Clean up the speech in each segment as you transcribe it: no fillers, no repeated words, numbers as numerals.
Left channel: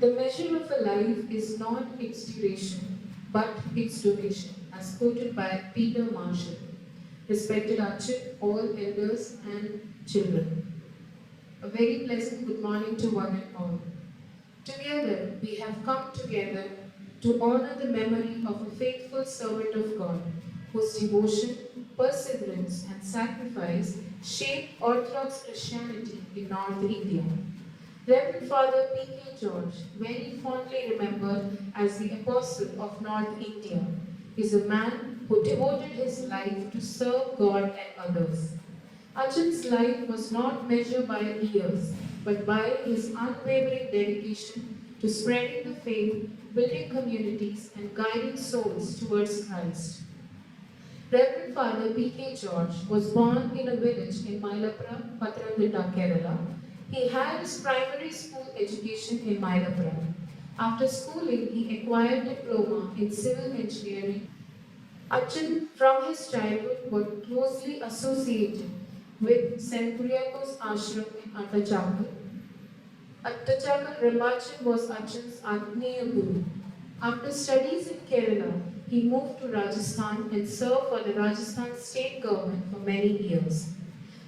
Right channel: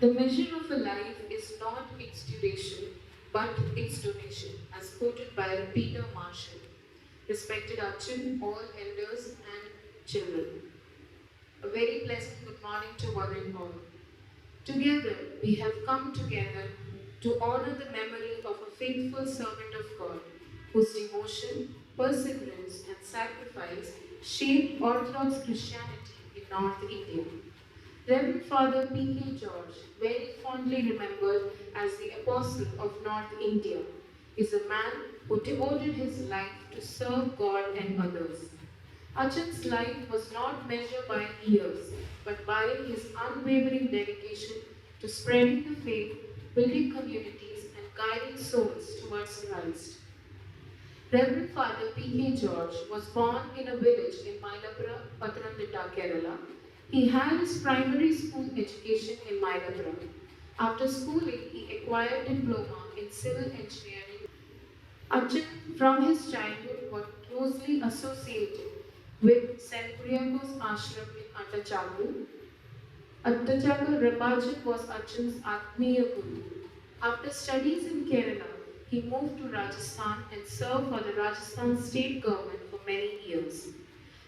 The measure of a life is not its duration, but its donation, as quoted by Peter Marshall. Respected Archon, all elders and children. A very pleasant good morning to one and all. Together, we have come together to honor the memory of a faithful servant of God, whose devotion, perseverance, and sacrifice shaped Orthodox Christianity in North India. Reverend Father P.K. George, very fondly remembered as the Apostle of North India, is a man who devoted his life to serve God and others. Achan's life was not measured by years, but by his unwavering dedication to spreading the faith, building communities, and guiding souls towards Christ. Reverend Father P.K. George was born in a village in Mylapura, Pathanamthitta, Kerala. He had his primary school education in Mylapura. After schooling, he acquired diploma in civil engineering. Achan, from his childhood, was closely associated with St. Kuriakos Ashram in Attachakal. Attachakal Rambachan was Achan's Agneya Guru. After studies in Kerala, he moved to Rajasthan and served for the Rajasthan state government for many years.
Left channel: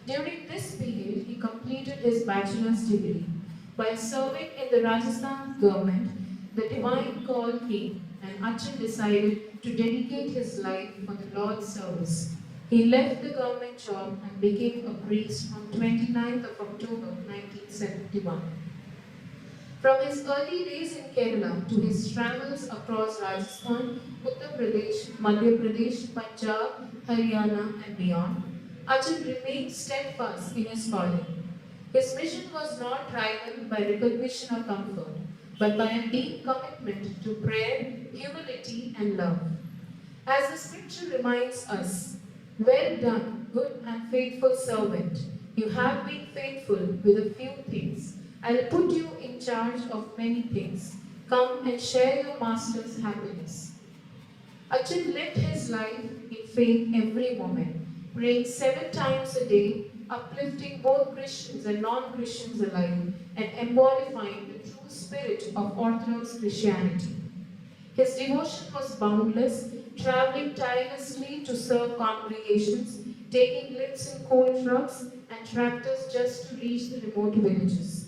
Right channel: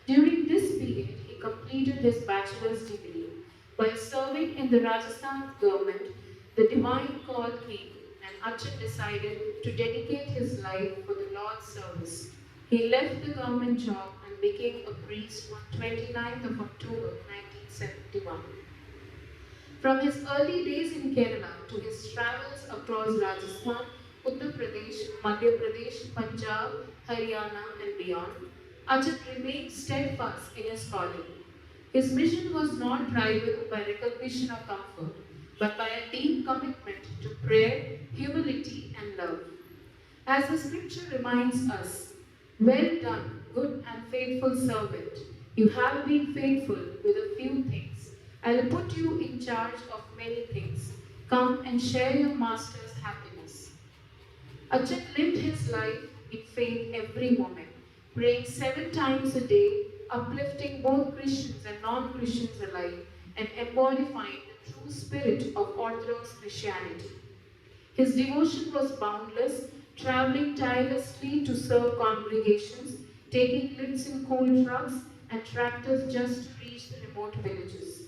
During this period, he completed his bachelor's degree. While serving in the Rajasthan government, the divine call came and Achan decided to dedicate his life for the Lord's service. He left the government job and became a priest on 29th of October 1971. From his early days in Kerala to his travels across Rajasthan, Uttar Pradesh, Madhya Pradesh, Punjab, Haryana, and beyond, Achan remained steadfast in his calling. His mission was not rivaled by recognition or comfort, but by a deep commitment to prayer, humility, and love. As the scripture reminds us, well done, good and faithful servant. You have been faithful with a few things. I will put you in charge of many things. Come and share your master's happiness. Achan lived his life in faith every moment, praying 7 times a day, uplifting both Christians and non-Christians alike, and embodying the true spirit of Orthodox Christianity. His devotion was boundless, traveling tirelessly to serve congregations, taking lifts in coal trucks and tractors just to reach the remote villages.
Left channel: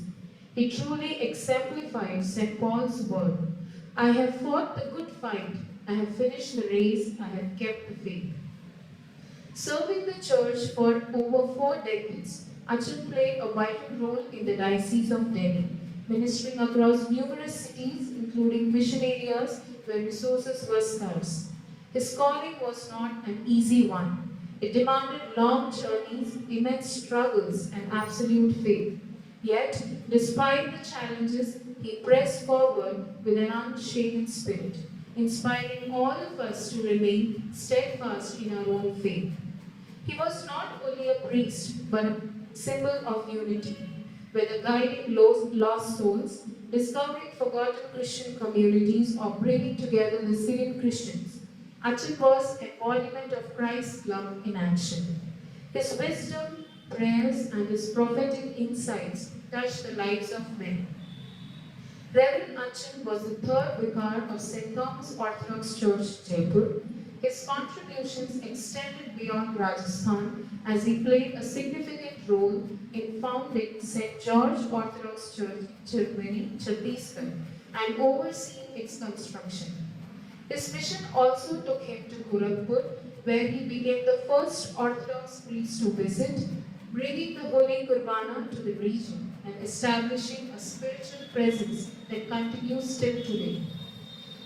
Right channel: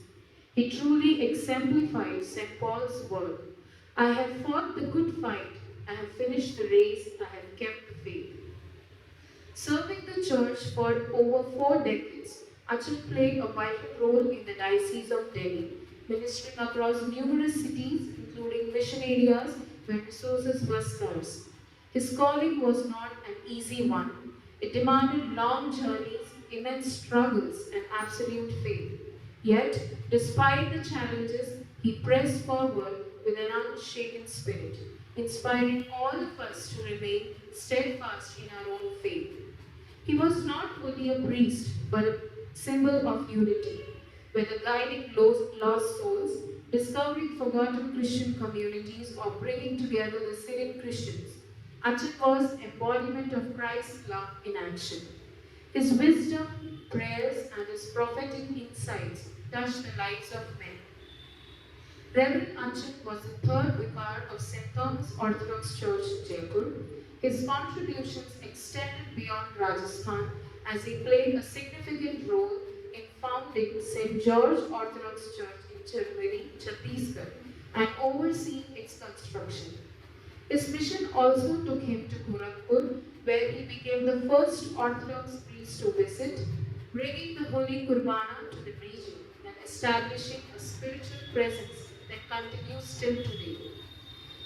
He truly exemplified St. Paul's word, I have fought the good fight, I have finished the race, I have kept the faith. Serving the church for over 4 decades, Achan played a vital role in the Diocese of Delhi, ministering across numerous cities, including mission areas where resources were scarce. His calling was not an easy one. It demanded long journeys, immense struggles, and absolute faith. Yet, despite the challenges, he pressed forward with an unshaken spirit, inspiring all of us to remain steadfast in our own faith. He was not only a priest, but a symbol of unity, whether guiding lost souls, discovering forgotten Christian communities, or bringing together the Syrian Christians. Achan was embodiment of Christ's love in action. His wisdom, prayers, and his prophetic insights touched the lives of men. Reverend Achan was the third vicar of St. Thomas Orthodox Church, Jaipur. His contributions extended beyond Rajasthan as he played a significant role in founding St. George Orthodox Church in Chirmiri, Chhattisgarh, and overseeing its construction. His mission also took him to Gorakhpur, where he became the first Orthodox priest to visit, bringing the Holy Kurbana to the region and establishing a spiritual presence that continues till today.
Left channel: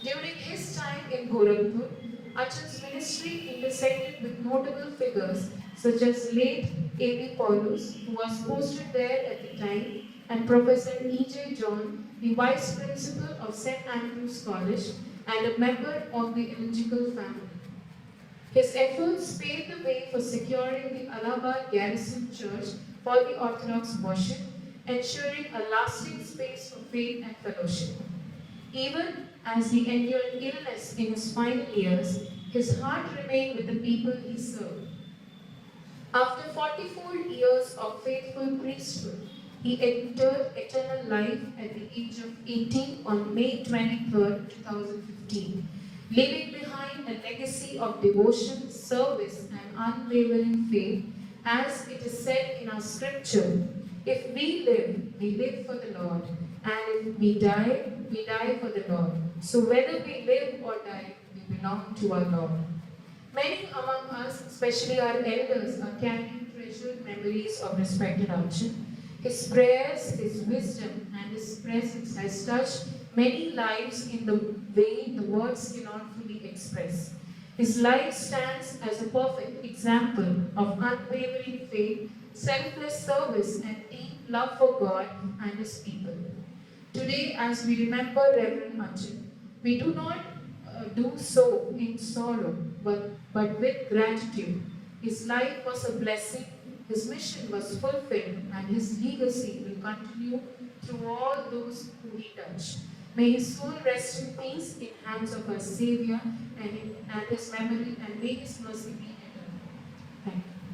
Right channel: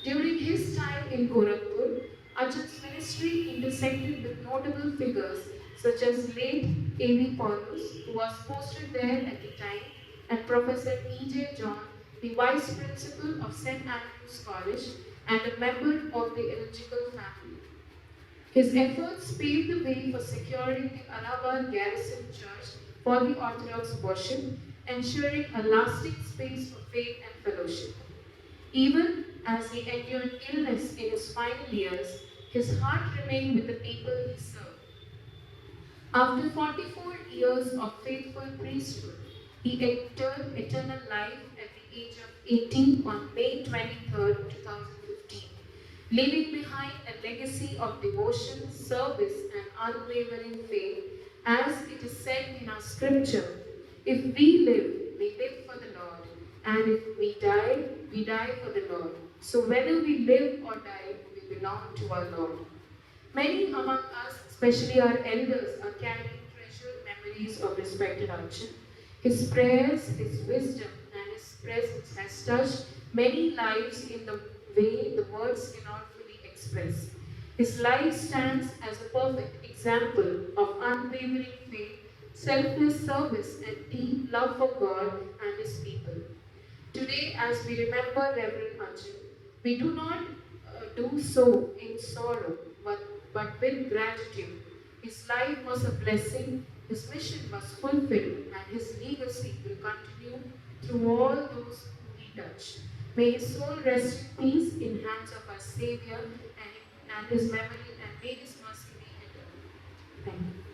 During his time in Gorakhpur, Achan's ministry intersected with notable figures such as late A.V. Paulus, who was posted there at the time, and Professor E.J. John, the Vice Principal of St. Andrew's College and a member of the Ellington family. His efforts paved the way for securing the Allahabad Garrison Church for the Orthodox worship, ensuring a lasting space for faith and fellowship. Even as he endured illness in his final years, his heart remained with the people he served. After 44 years of faithful priesthood, He entered eternal life at the age of 80 on May 23rd, 2015, leaving behind a legacy of devotion, service, and unwavering faith, as it is said in our scripture. If we live for the Lord, and if we die for the Lord. So whether we live or die, we belong to our Lord. Many among us, especially our elders, are carrying treasured memories of respected Arjun. His prayers, his wisdom, and his presence has touched many lives in the way the words cannot fully express. His life stands as a perfect example of unwavering faith, selfless service, and deep love for God and his people. Today, as we remember Reverend Arjun, we do not do so in sorrow, but with gratitude. His life was a blessing, his mission was fulfilled, and his legacy will continue through all those who he touched. May his soul rest in peace in hands of our Savior and his memory, and may his mercy be eternal. Thank you.